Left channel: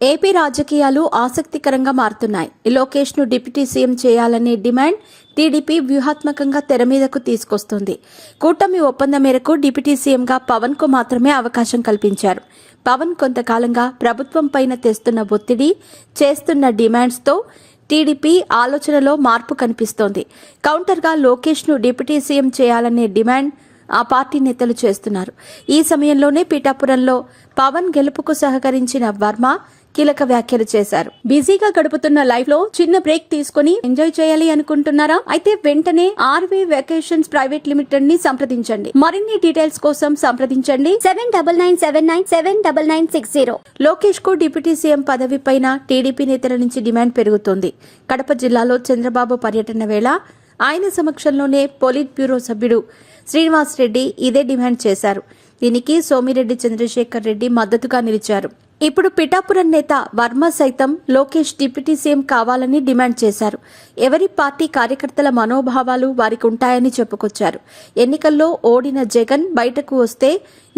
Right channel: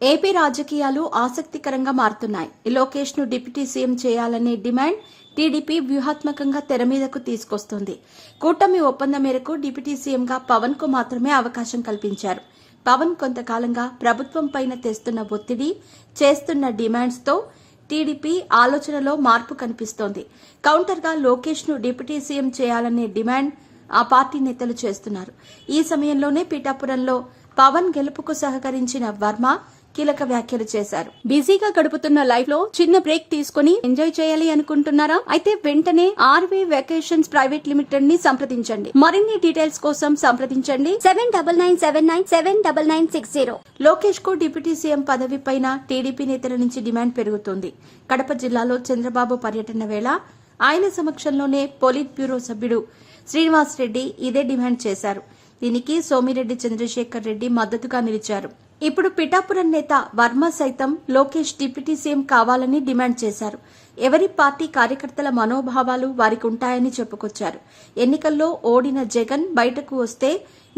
AP రాజకీయాలు ఆసక్తికరంగా మారుతున్నాయి. లోకేష్ ను డిప్యూటీ సీఎం చేయాలనే డిమాండ్ టీడీపీ వ్యూహాత్మకంగా తెర మీదకు తీసుకొస్తుంది. కూటమి ఒప్పందం మేరకు డిప్యూటీ సీఎంగా పవన్ కు మాత్రమే అవకాశం కల్పించారు. పవన్ కొంతకాలంగా ప్రభుత్వం పైన తెస్తున్న ఒత్తిడి, చేస్తున్న డిమాండ్స్ తో టీడీపీ ఆలోచనలో మార్పు కనిపిస్తోంది. కౌంటర్గా లోకేష్ ను డిప్యూటీ సీఎం చేయాలనే డిమాండ్ ఆ పార్టీ నేతలు చేస్తున్నారు. ఈ సమయంలోనే పిఠాపురంలో పవన్ గెలుపుకు సహకరించిన వర్మ కీలక వ్యాఖ్యలు చేశారు. బిజీగా గడుపుతున్న లైఫ్ లో చిన్న బ్రేక్ తీసుకుని ఎంజాయ్ చేయాలి అనుకుంటున్నారా? అయితే వెంటనే ఆర్వీ వెకేషన్స్ ప్రైవేట్ లిమిటెడ్ ని సంప్రదించండి. మరిన్ని డీటెయిల్స్ కోసం సంప్రదించండి 7997979960. లోకేష్ కు డిప్యూటీ సీఎం పదవి పైన టీడీపీ నేతల నుంచి డిమాండ్ పెరుగుతోంది. కడప జిల్లాలో చంద్రబాబు పర్యటన వేళ ఆయన సమక్షంలోనే పొలిట్ బ్యూరో సభ్యుడు శ్రీనివాస్ రెడ్డి ఇదే డిమాండ్ చేశారు. దీనికి సోమిరెడ్డి చంద్రశేఖర్ రెడ్డి మద్దతుగా నిలిచారు. ఇప్పుడు పిఠాపురం నేత వర్మ సైతం లోకేష్ డిప్యూటీ సీఎం కావాలని డిమాండ్ చేశారు. ఎవరి పార్టీ కార్యకర్తల మనోభావాలు వారికి ఉంటాయని చెప్పుకొచ్చారు. ఎన్నికల్లో ఓడిన జగన్ బయటకు వస్తే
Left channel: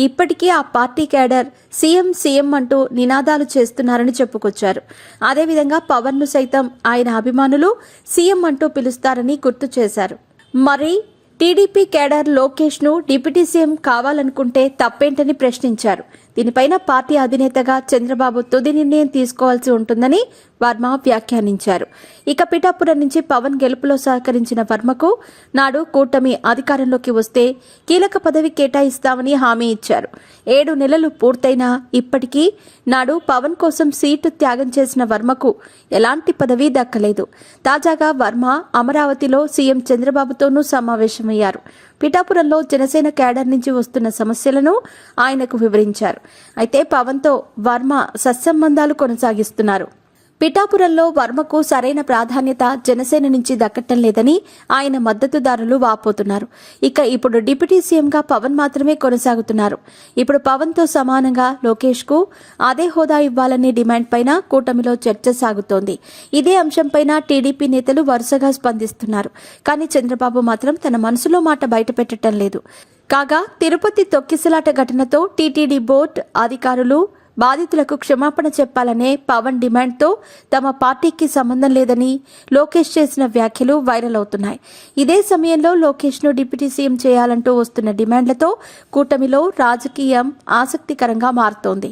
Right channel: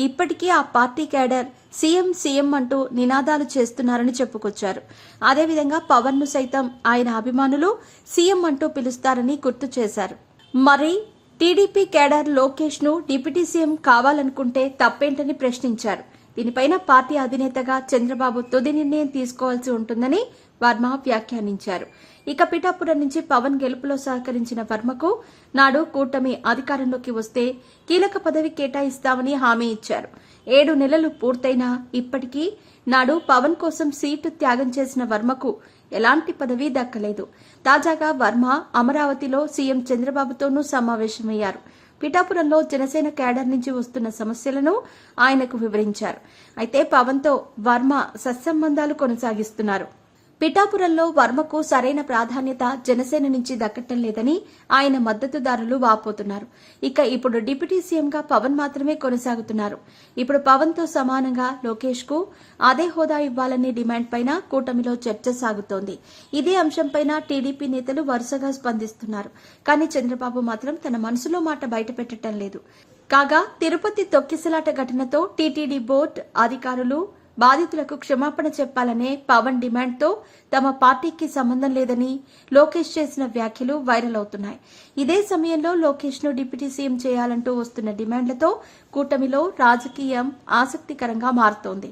ఇప్పటికీ ఆ పార్టీ క్యాడర్ సీఎం సీఎం అంటూ నినాదాలు చేస్తున్నారని చెప్పుకొచ్చారు. అదేవిధంగా పవన్ ను సైతం ఆయన అభిమానులు సీఎం అంటూ పిలుస్తారని గుర్తు చేశారు. మరి టీడీపీ కేడర్ లోకేష్ ను డిప్యూటీ సీఎం కావాలనుకుంటే తప్పేంటని ప్రశ్నించారు. దీనిపైన పార్టీ అధినేతగా చంద్రబాబు తుది నిర్ణయం తీసుకోవాల్సి ఉంటుందని వర్మ వ్యాఖ్యానించారు. ఇక పిఠాపురం నుంచి పవన్ గెలుపులో సహకరించిన వర్మకు నాడు కూటమి అధికారంలోకి వస్తే కీలక పదవి కేటాయిస్తామని హామీ ఇచ్చారు. 7 నెలలు పూర్తయినా ఇప్పటికీ నాడు పవన్ కోసం సీటు త్యాగం చేసిన వర్మకు ఎలాంటి పదవి దక్కలేదు. తాజాగా వర్మ అమరావతిలో సీఎం చంద్రబాబుతోనూ సమావేశమయ్యారు. పిఠాపురంలో జనసేన కేడర్ నుంచి వస్తున్న సమస్యలను ఆయనకు వివరించారు. అయితే పవన్తో వర్మ సత్సంబంధాలు కొనసాగిస్తున్నారు. పిఠాపురంలో వర్మకు సరైన ప్రాధాన్యత జనసేన నుంచి దక్కటం లేదని ఆయన మద్దతుదారులు వాపోతున్నారు. ఇక ఇప్పుడు డిప్యూటీ సీఎంగా పవన్ మాత్రమే కొనసాగుతున్నారు. ఇప్పుడు పవన్ తో సమానంగా లోకేష్ కు అదే హోదా ఇవ్వాలనే డిమాండ్ పైన కూటమిలో చర్చ సాగుతోంది. ఇదే అంశంపైన టీడీపీ నేతలు వరుసగా స్పందిస్తున్నారు. కానీ చంద్రబాబు మాత్రం తన మనసులో మాట బయటపెట్టడం లేదు. కాగా తిరుపతి తొక్కిసలాట ఘటనతో టీటీడీ బోర్డు అధికారులు బాధితులకు క్షమాపణ చెప్పాలనే పవన్ డిమాండ్తో తమ పార్టీకి సంబంధం లేదని లోకేష్ చేసిన వ్యాఖ్యలు వైరల్ అవుతున్నాయి. ఇదే సమయంలో లోకేష్ ను డిప్యూటీ సీఎం చేయాలంటూ వస్తున్న డిమాండ్లతో కూటమిలో రాజకీయం ఆసక్తికరంగా మారుతోంది.